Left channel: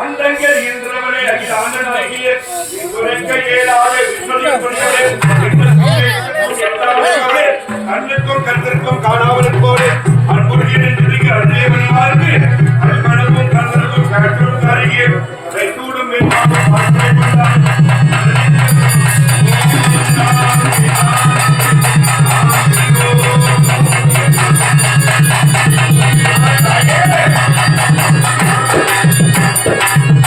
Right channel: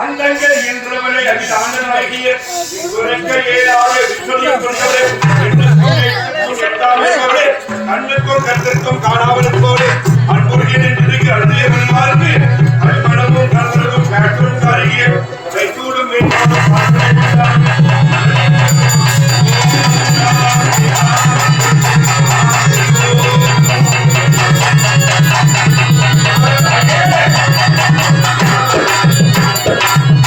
அண்டங்கள் என்றவனை அகிலாண்டனாகிய இங்குரைக்க ஏழாறு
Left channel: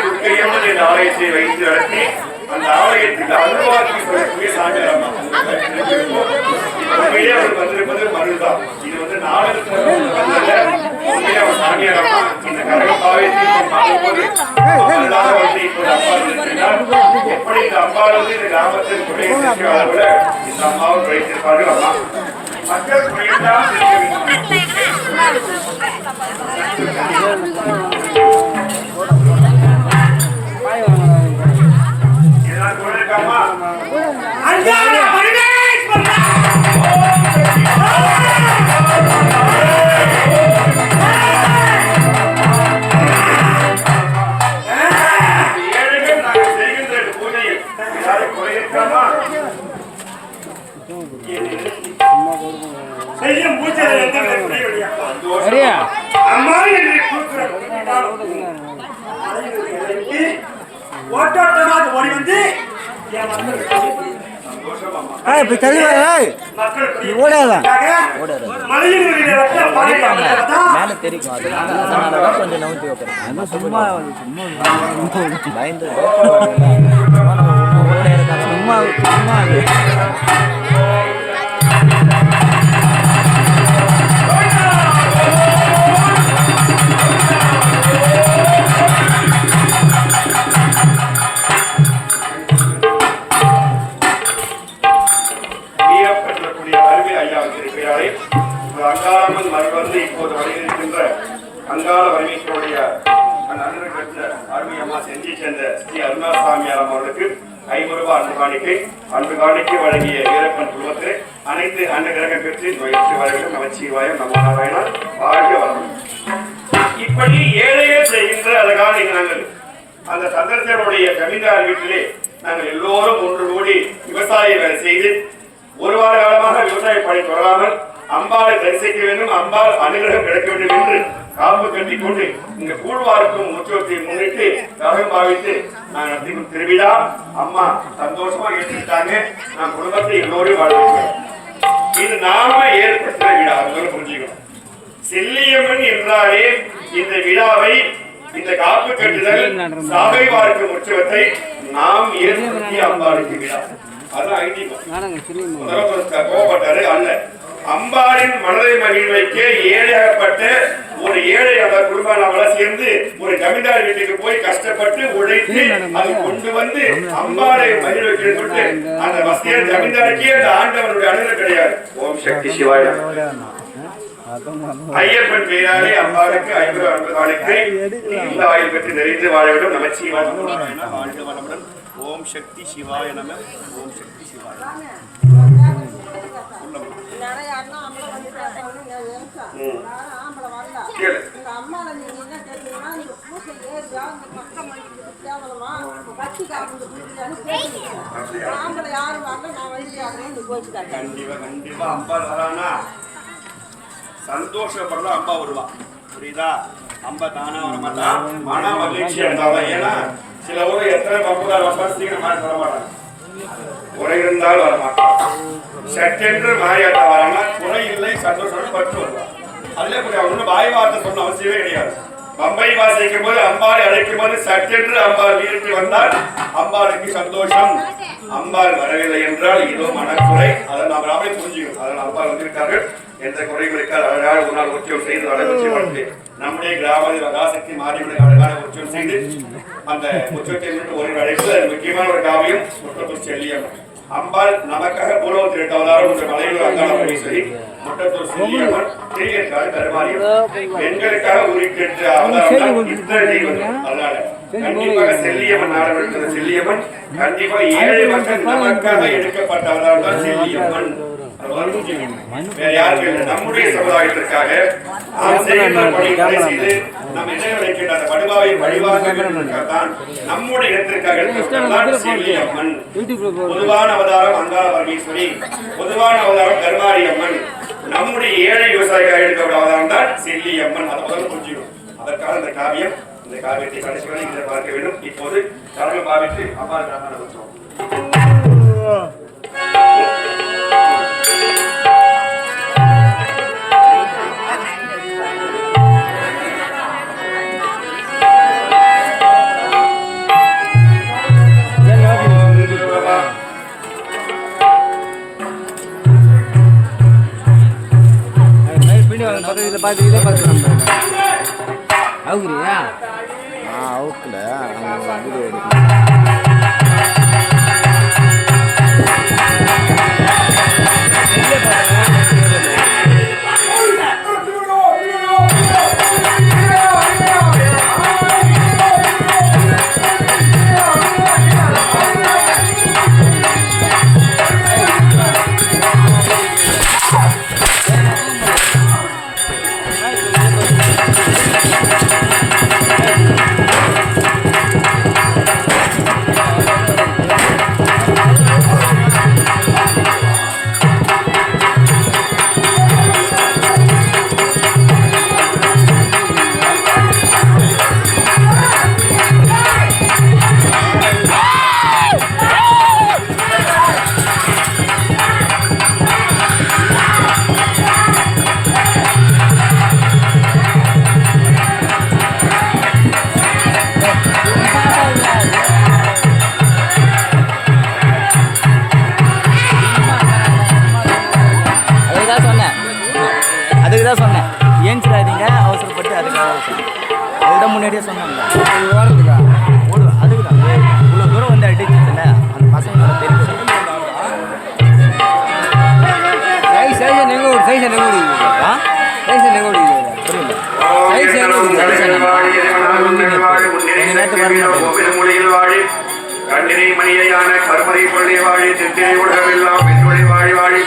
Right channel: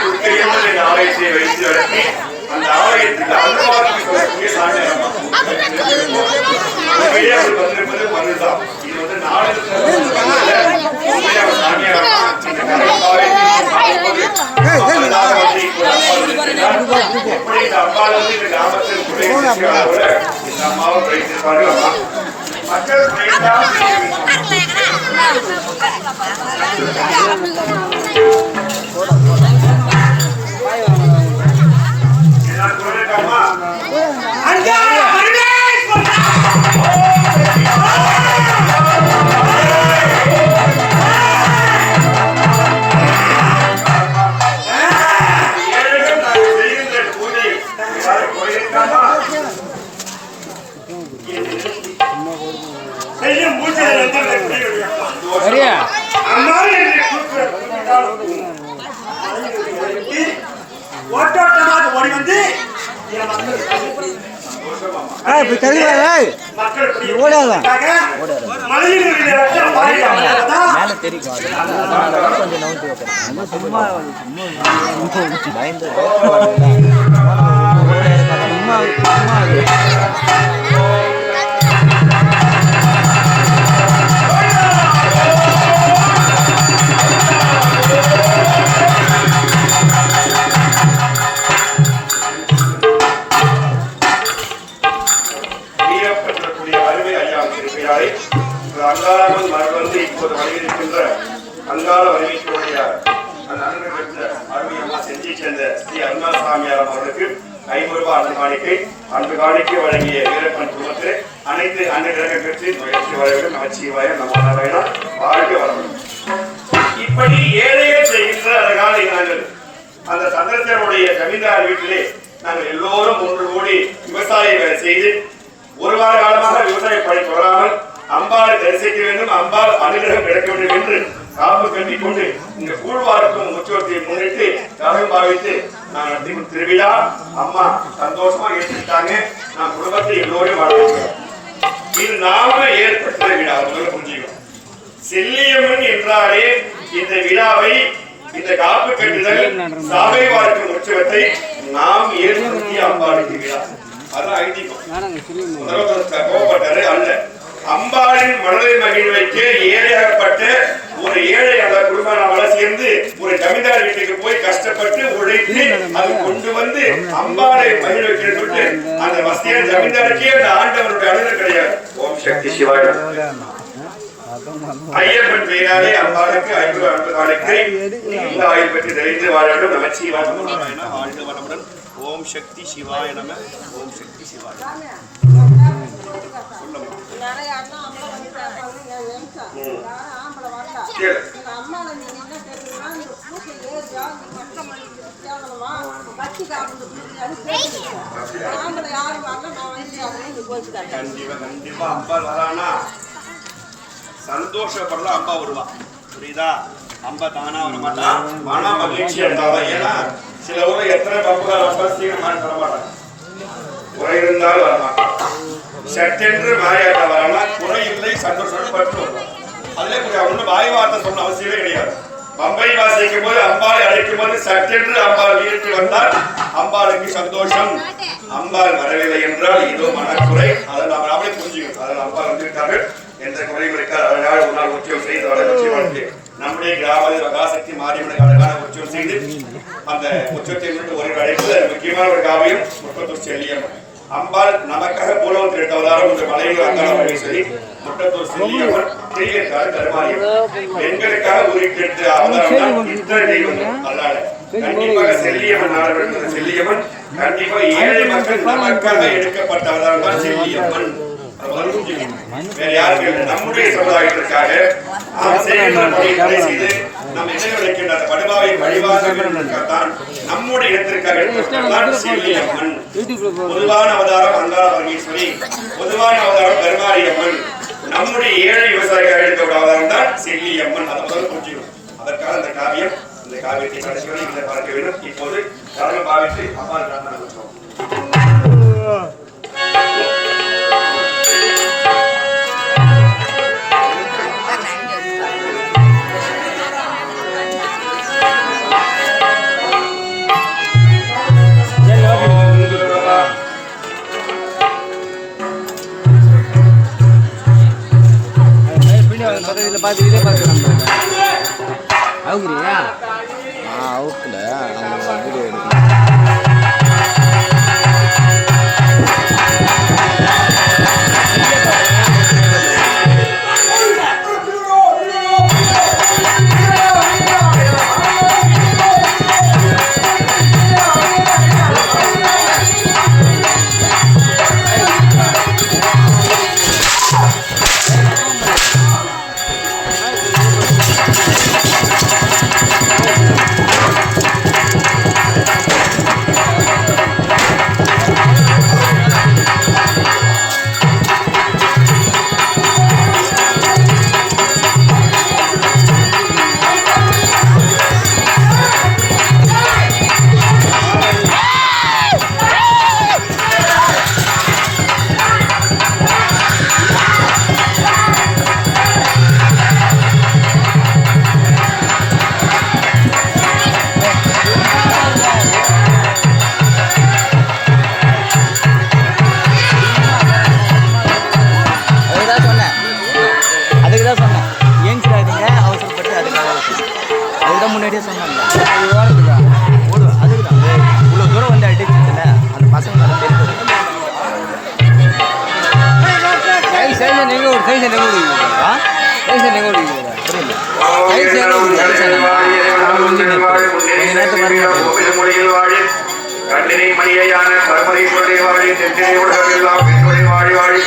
துர்க்கையம்மன் என்ற ஆலயத்தை வைத்து நடத்தி அந்த ஆலயத்துக்கு அனுபவத்துக்கு பார்க்கும்போது மக்களாக வந்து இப்போது அம்பாள் இருக்கிறார். எப்படி இந்த அம்பாள் வந்து இந்த கிராமத்தில் குடியிருக்கிறார் போல இந்த அம்மாவும் அம்மா மக்கள் குடியிருந்தாலும் சரியா? அம்மா என்று ஓட்டோட்டமாக ஓடி வந்து மேல தெரியும். அதனால அதனாலதான் கொஞ்சம் நவுத்தி வைக்கிறேன். சும்மா பயந்து பயப்படுவாங்கல்ல சும்மா சும்மா ஐநூறு அன்பு காணிக்கை அன்பு காணிக்கை வழங்கிய வீரப்பன் அனைத்து பெற்று முயற்சி நம்ம நாராயணா வாழ்க இப்படி ஏழையே செய்கின்ற அழகான நாங்கள் அந்த சந்தர்சனுடைய ஜமீன்தார் வீட்டிலே நாங்கள் எல்லோரும் ஒன்று கூடி விவசாய வேலை செய்து ஒரு வார காலமாக விவசாய பணி தொடராமல் அம்பாளை தரிசிக்க வேண்டும் அம்பாள் அனுகிரகம் கிடைக்க வேண்டும் என்று காப்பு கட்டி கொண்டு இந்த கூழ்வாருக்கும் உற்சவத்தை முன்னிட்டு கரம் பாவித்து நான் திருவிழா. அம்மா சந்தோஷமா ஏற்றுக்கிட்டாங்க. நான் குடும்பத்தை எல்லோரும் வாழ்க்கிறேன் இது நாம ஏற்பட்ட விழா முதல்ல புரிஞ்சுக்கணும். செல்லியம்மன் என்றாலே இந்த விழாவை இந்த காப்பு கட்டுதல் சாகை பார்க்கும் உற்சவத்தை நாம் ஏற்படுத்திய அம்பாளுக்கு விழா. அதான் ஐதீகம். கோபப்பட்டாரு அல்ல. அம்பாளின் மனதை மகிழ்வைக்க ஏழையாகப்பட்ட சேர்ந்து ஒரு ஜமீன்தார் வீட்டுக்கு போய் கஷ்டப்பட்டு உழைத்து அது கொண்டு வந்து அம்பாளை மகிழ் வைக்கிறேன்னு சொல்லிட்டு அந்த வசதியான ஜமீன்தாருக்கே அந்த ஆண்டவனுடைய அனுகிரகம் கிடையாது. ஓம் சக்தி சிவாய. ஐயப்பன் பெயராலே அம்பாளுக்கு நாளைக்கு இந்த ஆயுள் பெற்று தெரிந்து வாழவிடும். நமச்சிவாய வாழ்க வளமுடன் ஓம் சக்தி சிவாய நம. ஓம் சக்தி சிவாய. சொல்லம்மா நிறைய அம்மால நீங்க என்ன கேட்டீங்கன்னா, இந்த பூசை ஏறுதா, இந்த மக்க தேவலமா, குடிக்கலான்னு ஆம்பளை யாரும் வரல, நான் வந்து நீ கண்டிப்பா கண்டிப்பா வரானா? சந்தோஷப்படலாம் அம்பா வருவா. புரியுதா? அம்பா தானா வர மாட்டான் மன மகிழ்ச்சி இருந்தாலும் ஏன்னா சில ஊர்ல எத்தனை பம்புகார் வந்தாலும் சீக்கிரம் வர மாட்டாங்க. குறை இருந்தாலும் வர மாட்டாங்க சட்டென்று மாறியாட்ட வரானா? குறை இல்லை சந்தோஷம் பட்டு வருவான் அதுல புரிய ஒன்றும் வாய் வார்த்தை சொன்ன அவசியமே கிடையாது. பம்பை வாசிக்கும் போது அம்பாளை அழைக்கும் போது சட்டென்று அம்பாள் வீட்டு வந்தால் அம்பாளுக்கு சந்தோஷம். அம்பாள் வரவில்லை என்றால் இதோ மனக்குறை. அதை நாம் நாமளே புரிஞ்சுக்கணும். அதை அம்பாள் வந்திருக்கார்கள். எந்த குறையும் இருக்காது. அழகாக ஒரு நாள் உற்சவம் செய்து வளர்ச்சி நம்முடைய கிராமத்தில் மகாசக்தி மாரியம்மனுக்கு அழகான உற்சவம் செய்து அந்த உற்சவத்தை மட்டும் ஒரு அழைப்பு அது முக்கியமான ஒரு காவியம். முட்டத்தூர் செல்லியம்மன். அம்பாள் நமக்காக பூலவத்தில் எடுத்த ஒன்று மலையூர் அங்கான பரமேஸ்வரி. முட்டத்தூர் பெண்களுக்காக அவதாரம் இத்தனை அல்லாட. கண்டிப்பாக கண்டிப்பாக ஏழை மக்கள் நமக்காக எடுக்கப்பட்ட அவதாரம் தான் செல்லியம்மன். வேற இல்லை. நம்முடைய சமுதாயத்திற்காக நாம் என்ன விளைக்கின்ற அந்த படுபாவை நம்முடைய இடத்திற்காக பொதுவான அவதாரம் அங்காள பரமேஸ்வரி. பொதுவான அவதாரம் கருமாரி அம்மன் நம்முடைய ஏழை விவசாயிகள் எடுக்கப்பட்ட அவதாரம் தான் செல்லியம்மன் அதை முதல்ல புரிஞ்சுக்கணும். அதற்காக அந்த காவியம் இந்த காவியத்தை கடைசி வரை பார்க்க வேண்டும். இப்போது கடவுள் பாவித்து அம்மா பிரார்த்தனை அதுதான் முன்னாடியே சொன்னாங்க அது ஓடுறதுக்கா ஓடுவேன் அதுக்கு தான் இவ்வளோ தூரம் வந்து அடிச்சதுல அந்த பசங்க மேலே தெரிஞ்சது சைஸ் சைஸ் நீங்க ஒரு சைஸ் நீங்க ஆ? சைஸ் நீங்க ஒரு புரியல சைஸ் சரி சொன்னா கொஞ்ச நேரத்துக்கு வர மாட்டேன். கண்ணினை மணியான பரமேஸ்வரனை வாழி தெற்கினை உலகமெல்லாம் பெண்களை வாழி வாழி.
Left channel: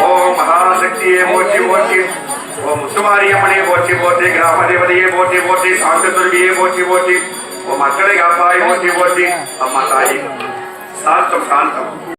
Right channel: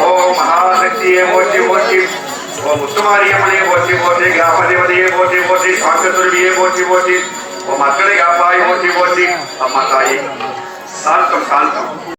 ஓம் மகாசக்தியை போற்றி போற்றி. ஓம் முத்துமாரியம்மனை போற்றி போற்றி கிராமதிபதியை போற்றி போற்றி சாந்த துருவியை போற்றி போற்றி ஓம் மக்களை காப்பாய் போற்றி போற்றி அம்மா தாயே சாந்தம் சாந்தம்